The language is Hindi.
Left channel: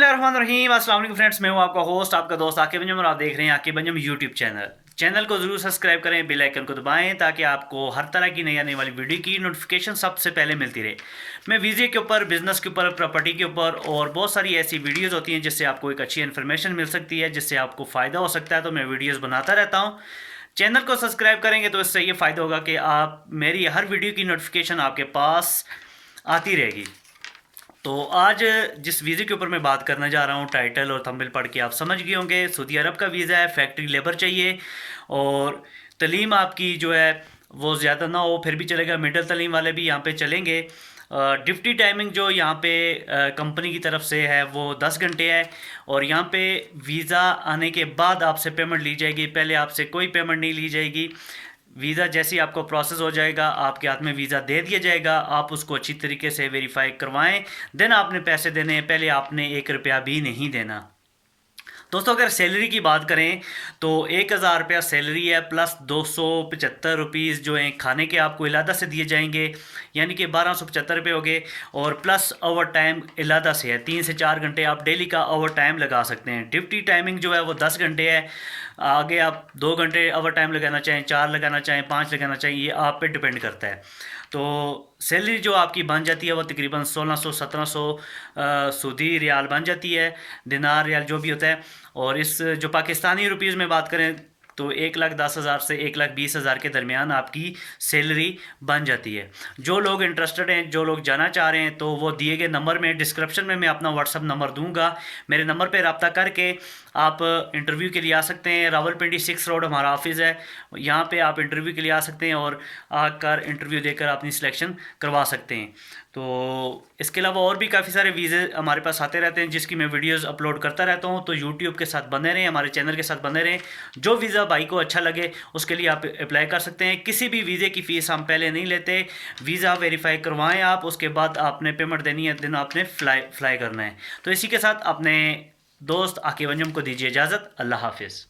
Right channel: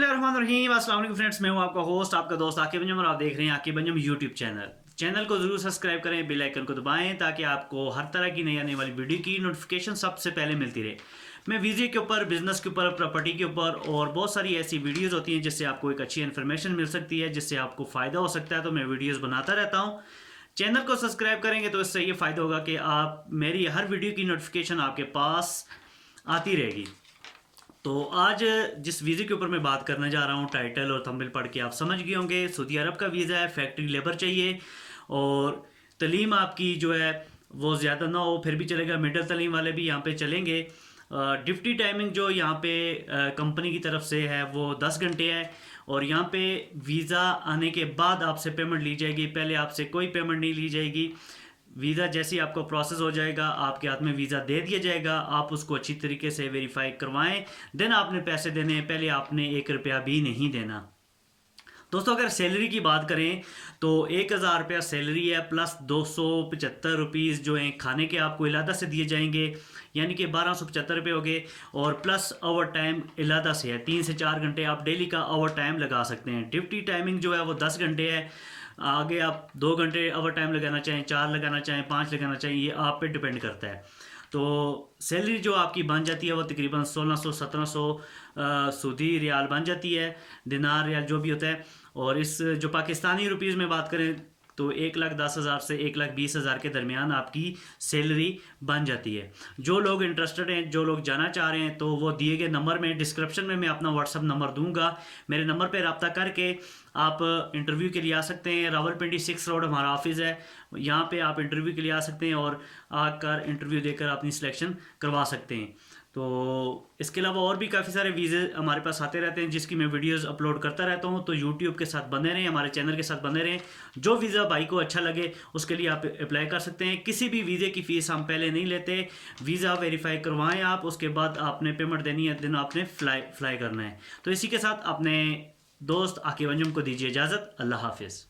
बिस्मिल्लाहिर्रहमानिर्रहीम। अस्सलाम वालेकुम फ्रेंड्स, मैं हूं आपका होस्ट, आपका दोस्त आकिब अंजुम और आप देख रहे हैं आकिब अंजुम यूट्यूब चैनल को ज़रूर सब्सक्राइब करें, बेल आइकन को दबाएं ताकि आपको हर तरह की नई आने वाली वीडियो की नोटिफिकेशन सबसे पहले मिलती रहे। मैं वीज़े के ऊपर, बिज़नेस के ऊपर, प्रॉपर्टी के ऊपर और बहुत सारी ऐसी वीडियोज़ होती हैं जिससे आपको एक अच्छी इन्फॉर्मेशन मिल सकती है, जिससे आपको फ़ायदा हो सकता है। तो मैं वीडियोज़ बनाता रहता हूँ। चैनल को सब्सक्राइब करेंगे तो इससे ये फ़ायदा होगा कि आप मेरी हर वीडियो की नोटिफिकेशन आपके पास आती रहेगी। तो आज जिस वीज़े के ऊपर मैं बात करने जा रहा हूँ, टाइटल और थंबनेल पढ़ के आप समझ गए होंगे। सऊदी अरब का वीज़ा है, फैक्ट्री लेबर चाहिए और तलीम आपकी जो है वो ज़्यादा ना हो फिर भी चलेगा, मिडिल तलीम वाले भी यहाँ पे चलेंगे। ड्यूटी टाइमिंग जो यहाँ पे कंपनी की तरफ से है वो 10 घंटे है और यहाँ पे वीज़ा आने के बाद आपसे पेमेंट ली जाएगी, पहले आपसे कोई पेमेंट नहीं ली जाएगी। वीज़ा जैसे ही आपको प्रोसेस हो जाएगा, आपके हाथ में वीज़ा दे दिया जाएगा, आप उसको अच्छी तरीके से वेरीफाई करवाएं, देन आपने पैसे देने हैं, पहले आपने 1 रुपया भी नहीं देना। दोस्तों अगर सैलरी की बात करें तो 1000 रुपया सैलरी है, प्लस 275 रुपीज़ जो हैं खाने के आपको इलादा से दिए जाएंगे, यानी कि 1275 रुपये हो गए। और प्लस ओवर टाइम इलादा से है, 3 से 4 घंटे आप डेली का ओवर टाइम लगा सकते हैं। ड्यूटी टाइमिंग जो है वो 10 घंटे है। आगे आप 2 घंटे ओवर टाइम लगाना चाहें, 4 लगाना चाहें, 5 लगाना चाहें, ये आप पे डिपेंड करता है। तो सैलरी जो आपकी बन जाती है वो तकरीबन 1600-1700 सऊदी रियाल बन जाती है, दिनार रियाल जो भी होता है। और इस जो पाकिस्तानी रुपीज़ में बात करें तो 1,10,000 से 1,20,000 के दरमियान आपकी सैलरी बन जाती है। जो लोग इंटरेस्टेड हैं, जो लोग जाना चाह रहे हैं, तो वो दिए गए नंबर में डिस्क्रिप्शन में मैं अपना व्हाट्सअप नंबर दूंगा, मेरे नंबर पे रब्ता करके आप इंटरव्यू के लिए आ सकते हैं। रावलपिंडी 6 रोड हमारा ऑफिस है, यहाँ पे आप इंटरव्यू के लिए आ सकते हैं और आकर इंटरव्यू देकर अपनी सिलेक्शन करवा सकते हैं। तो इसके अलावा और भी काफ़ी सारे वीज़े हमारे पास आते रहते हैं जिसकी मैं वीडियोस अपलोड करता रहता हूँ। तो यूट्यूब के साथ बने रहें, हमारे चैनल के साथ बने रहें। जो वीज़ा भाई को अच्छा लगे उसके लिए आप अप्लाई कर सकते हैं। किसी भी वीज़े की फ़ीस हम पहले नहीं लेते, वीज़ा वेरीफाई करवाएं आप, उसके बाद आपने पेमेंट देनी है, दिन आपने फ्लाई करना है। तो इसी के साथ अपने दोस्त आकिब अंजुम को दीजिए इजाज़त। अल्लाह हाफिज़।